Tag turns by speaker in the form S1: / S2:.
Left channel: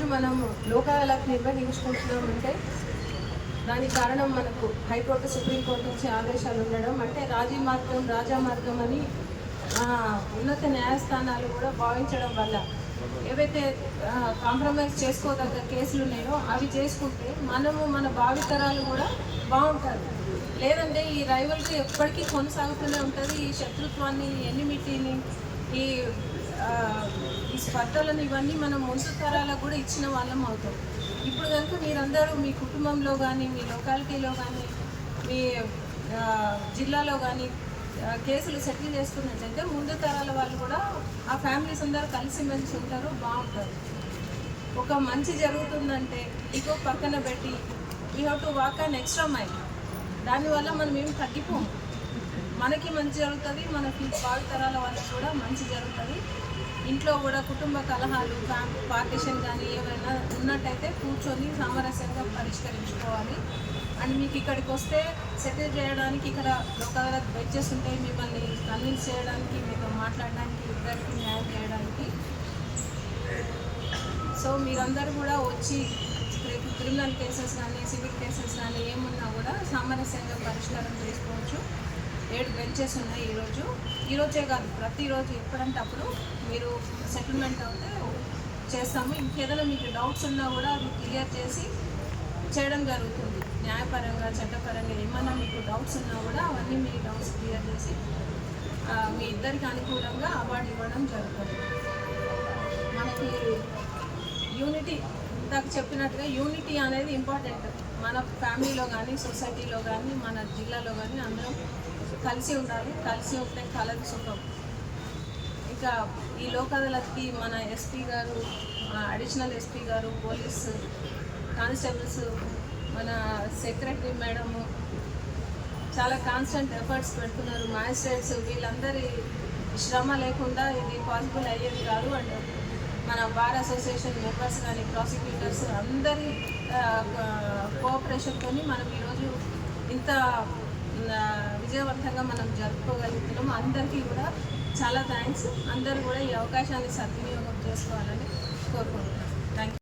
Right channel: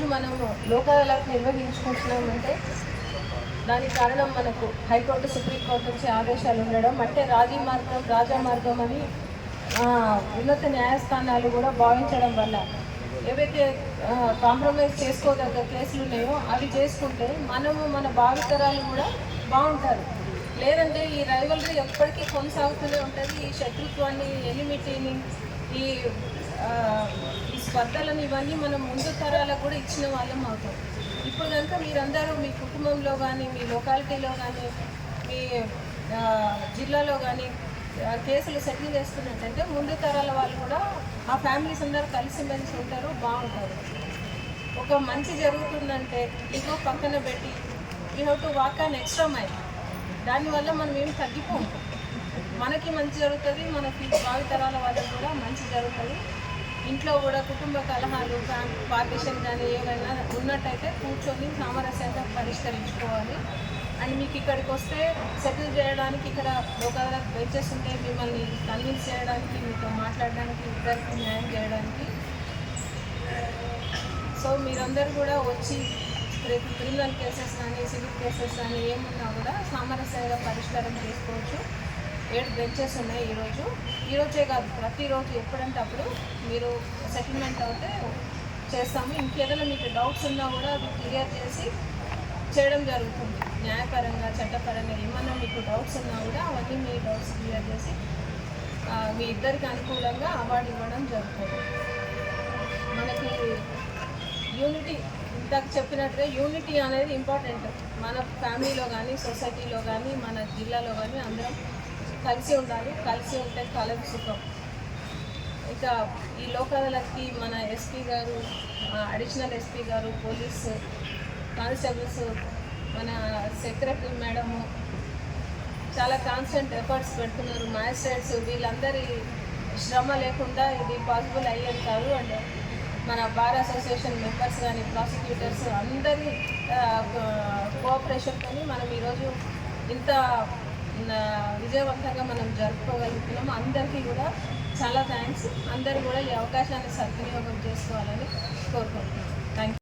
S1: ఈరోజు మనము లోకాలకు నిర్వహించుకుంటున్నాం అంటే దానికి కారణం మనకు హైకోర్టు సుప్రీంకోర్టు వచ్చే ఆదేశాలు ఉండడం. అంటే రాజీ మార్గం రాజా మార్గం అని ఉన్నత న్యాయస్థానాలు కూడా భావించడం వల్ల ఏవైతే కాంప్రమైజ్ చేసుకోదగ్గ కేసులు ఉన్నాయో అవి చేసుకుంటే మనము మన భావితరాలు కూడా బాగుంటారు. లేదంటే ఈ రైవల్రీ ఎప్పటికీ కొనసాగుతూనే ఉంటుంది. ఈ శత్రుత్వాన్ని ఎనిమిటీని ఈ ఈ స్పర్ధలను ఇవన్నీ మనం ముందు తరాలకు కూడా ఇచ్చిన వాళ్ళం అవుతాం. ఇప్పుడు కనుక మీరందరూ మీ కుటుంబంలో కానీ మీ లొకాలిటీలో కానీ మీ జిల్లాలో కానీ కేసులు సెటిల్ చేసుకున్నట్టయితే ముందు తరాల వాళ్ళు కూడా ఆ ఫ్యామిలీస్ అందరూ కలిసిమెలిసి ఉంటారు బాగుంటారు. ఒక మంచి జరుగుతుందంటే ఇగో పక్కన పెట్టి you have to walk an extra mile దానివల్ల మనం ఏం తగ్గిపోము. మనకి మంచి జరుగుతుంది మన ఫీ- భావితరాల వాళ్ళకి కూడా మంచి జరుగుతుంది. ఇంట్లో కూడా కుటుంబ కలహాలు ఫ్యామిలీ పార్టీషన్ కానీ ఏవైనా ఉన్నట్టయితే కూర్చొని సామరస్యంగా పరిష్కరించుకోవాలి. అండ్ మీకు ఇక్కడికి వస్తే సెటిల్ చేయడానికి ఇక్కడ లోక్ బెంచెస్ ఉంటాయి మిమ్మల్ని కన్విన్స్ చేయడానికి మీతో మాట్లాడడానికి ఇద్దరికి న్యాయం చేయడానికి. సో మీరందరూ కూడా వచ్చి క్రిమినల్ కేసెస్ కానీ సివిల్ కేసెస్ కానీ ఏమున్నా కూడా సామరస్యంగా పరిష్కారం చేసుకోవచ్చు. ఏడు బెంచెస్ ఉన్నాయి ఈరోజు. ఈరోజే కాదు ప్రతిరోజు ఎప్పుడంటే అప్పుడు మీరు సెటిల్మెంట్ అవుతే చేస్తాము. ఇంకేదైనా మీకు డౌట్స్ ఉన్నా కూడా అవి క్లియర్ చేసి చేయడం జరుగుతుంది. న్యాయపరంగా చట్టపరంగా ఏమన్నా మీకు డౌట్స్ ఉన్నా కూడా అవన్నీ మీ డౌట్స్ క్లియర్ చేసి మీ ఇద్దరికి అనుకూలంగా అవార్డు ఇవ్వడం జరుగుతుంది. మనకి యూనిటీ ఇందాక చెప్పినట్టుగా యూనిటీ అనేది ఇంపార్టెంట్ మన ఫ్యామిలీలో కానీ సొసైటీలో కానీ మన జిల్లాలో కానీ అందరం కలిసి ఉండాలి కలిసి ఉంటే కలదు సుఖం. ఇంకా ఈ లోక్ మన ఎస్పీ గారు అడిషనల్ ఎస్పీ గారు పోలీస్ కానిస్టేబుల్స్ మన సెక్రటరీ మేడము చాలా కాన్స్టెంట్ ఎఫర్ట్స్ పెడుతున్నారు. మ్యాజిస్ట్రేట్స్ వీళ్ళందరి శ్రమ లేకుండా ఇది పాసిబుల్ అయ్యేది కాదు. అండ్ మన బార్ అసోసియేషన్ మెంబర్స్ కానీ ప్రాసిక్యూటర్స్ అందరి కోఆపరేషన్తో మనం ఈరోజు ఇంత విజయవంతంగా మనం జరుపుకోగలుగుతున్నాము అందరికీ కూడా చాలా థ్యాంక్స్ అందరూ కూడా ఈ అవకాశాన్ని సద్వినియోగం చేసుకోవాలని కోరుకుంటున్నాను థ్యాంక్ యూ